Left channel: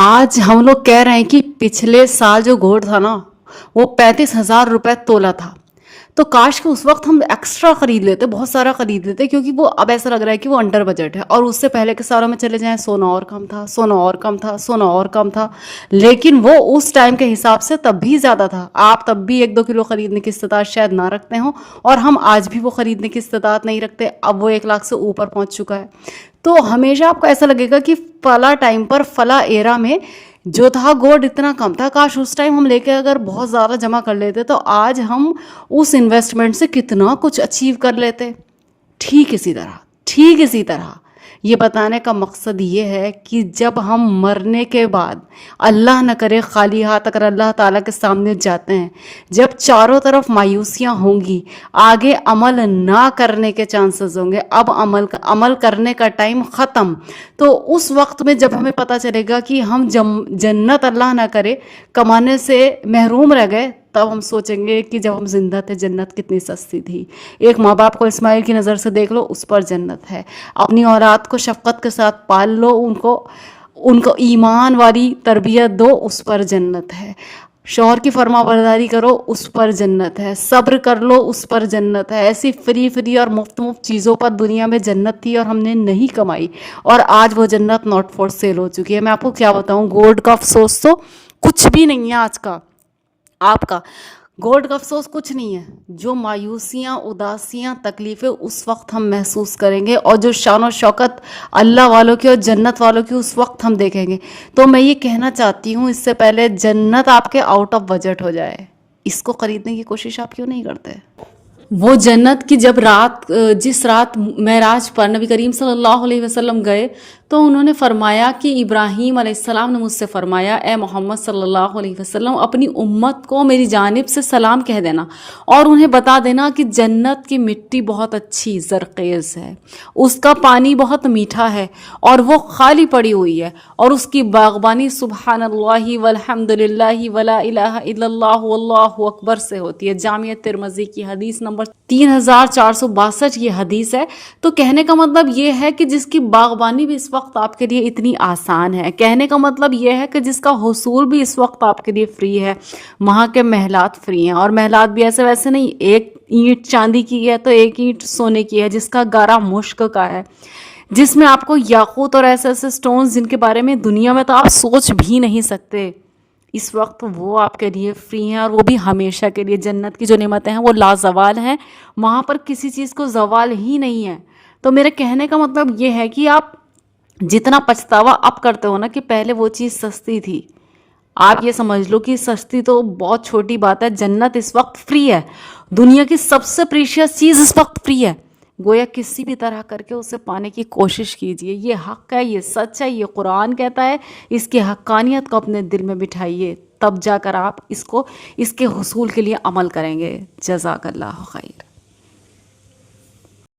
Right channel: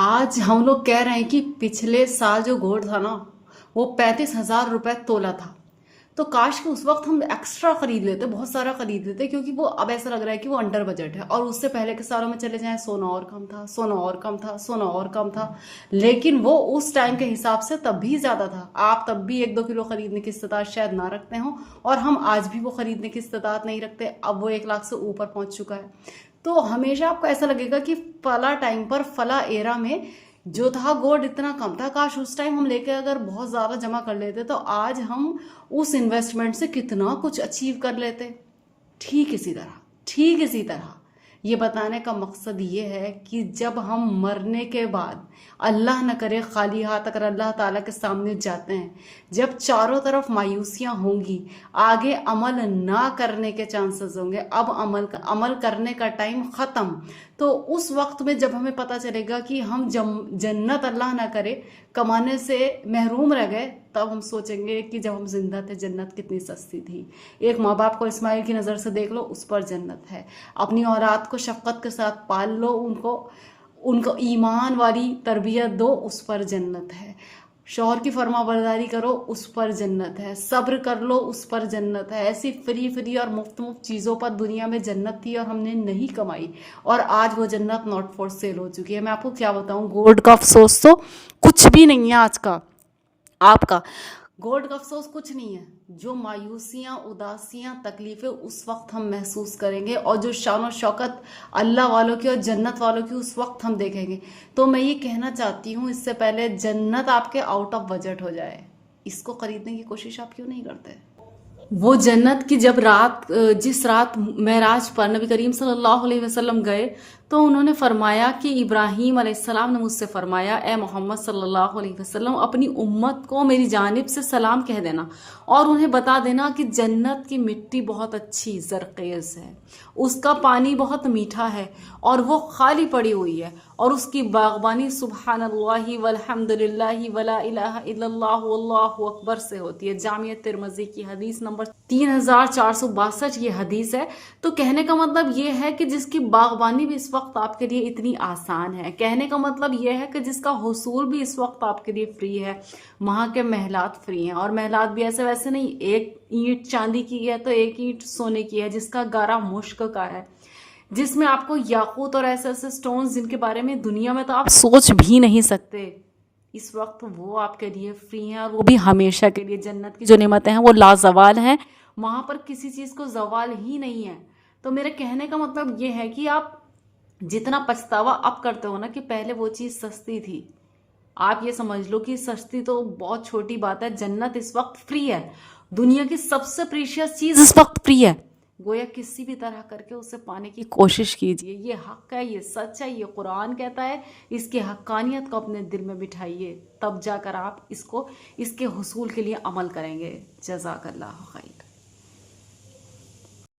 आज हम लोग कह रहे हैं कि पिछले साल जो गोल्ड था ना, वो 35,000 रुपये तोला था। तो काश कि उस वक्त हम एक्स्ट्रा खरीद लेते, बहुत सारा खरीद लेते, क्योंकि वो अब ऐसा लग रहा है कि वो अंडर बजट है। और उससे पहले के सालों में चले जाएं, सोना और कम था, सोना और कम था, सोना और कम था। लेकिन वो उस टाइम के हिसाब से तब भी ज़्यादा था। आप तब भी 1-2 किलो खरीदने की इस्तेताद शायद ना रखते हो, और हम आज भी वो खरीदने की इस्तेताद नहीं रखते। अब वो 1 लाख से ऊपर पहुंच चुका है। तो हमेशा आपको ऐसा लगेगा कि फला टाइम पर, फला एरा में जो था गोल्ड इतना कम था, काश उस टाइम हम लेके अगर बहुत ज़्यादा जमा कर लेते तो आज हम उस इन्वेस्टमेंट से कितना कुछ अचीव कर लेते। ठीक इसी तरह ये बताने का मकसद ये है कि जब हम मरने के बाद, अल्लाह न करे खाली हाथ अगर अल्लाह ताला के सामने जाते हैं, जब चारों तरफ मायूसियाँ होंगी, आगे अमल ना करने के चांसेस होंगे, अब अमल करने का टाइम ख़त्म। तो उस वक्त में जब हमें पता चलेगा कि हम जन्नत अल्लाह ना करे कमाने से महरूम रह गए, तब हम सोचेंगे कि जब हम जिंदा थे जन्नत कितनी सस्ती थी। एक माँ बाप को इस्माइल की नज़र से देख लो, उस पर जन्नत है। अपनी औलाद को शफ़क़त के साथ पाल लो, उनको ईमान वाली तरबियत दो, उस पर जन्नत है। शौहर की फरमाबरदारी करो, उस पर जन्नत है। सब्र कर लो, उस पर जन्नत है। ऐसी फ्री और मुफ्त चीज़ों पर दुनिया में जन्नत थी और हमने नहीं कमाई, और आज वो जन्नत नॉट फॉर सेल हो चुकी है। मैं आपको क्या बताऊँ, गोल्ड का अफसोस तो कुछ भी नहीं है आज का। आपका गोल्ड का अफसोस कुछ नहीं है। जो मायूसियाँ, उदासियाँ, तकलीफ़ें उस वक्त हम महसूस करेंगे, और जो शान और शौकत अल्लाह वालों की और जन्नत वालों की उस वक्त हम देखेंगे। तो मैं ये कहना चाहती हूँ, इससे पहले जन्नत आपके आउट ऑफ बजट हो जाए, इसको ख़रीदने की कोशिश आप क्यों नहीं करते? वो जन्नत की जब जिस रात मेराज पर नबी करीम सल्लल्लाहु अलैहि वसल्लम गए, तो उन्होंने फरमाया कि इब्राहीम अलैहिस्सलाम ने मुझसे फरमाया, ए मोहम्मद सल्लल्लाहु अलैहि वसल्लम, अपनी उम्मत को मेरी जानिब से सलाम कह देना, और उन्हें बता देना कि जन्नत की मिट्टी बहुत अच्छी ज़रख़ेज़ है, उसका पानी बहुत मीठा है, और वो खाली पड़ी हुई है, और उसकी बागबानी सुब्हानल्लाहि वल्हम्दुलिल्लाहि वला इलाहा इल्लल्लाहु वल्लाहु अकबर से होती है। जामिया तिर्मिज़ी की हदीस नंबर 3462 ये हदीस है। तो कहने का मतलब ये है कि जिसकी बागबानी भी इस वक्त आपके लिए इतनी आसान है, कहने का मतलब ये है कि जिसका हुसूल भी इस वक्त आपके लिए फ्री है, वहाँ के महलात फ्री हैं। और महलात भी ऐसे वैसे नहीं, एक ईंट चांदी की है तो एक ईंट सोने की है, जिसका गारा मुश्क का है, जिसमें आपको याकूत और ऐसे ऐसे स्टोन्स जिनके बारे में दुनिया में तो आप सोच भी नहीं सकते, इस वक्त वो आपके लिए फ्री हैं, और वो भी हमेशा के लिए। जन्नत की जो नेमतें हैं वो लाजवाल हैं, वहाँ पर किसी चीज़ को जवाल ही नहीं है। तो मेरे कहने का मतलब ये है कि आप जितना पछतावा अब करते हो ना कि पहले वो चीज़ सस्ती थी, आप ये समझ लो कि सस्ती तो बहुत छोटी बात है। जन्नत इस वक्त फ्री है, दुनिया की सबसे प्रीशियस चीज़ इस वक्त फ्री है। गोया किसी भी तरह करके उसे पाने की कोशिश कीजिए। ये हक़ है, ये सच है, ये कुरान कहता है। इसकी हक़ानियत को अपने दिल में बिठाइए, तब जाकर आप इसके हुसूल के लिए अमल करेंगे। जज़ाकल्लाहु खैर।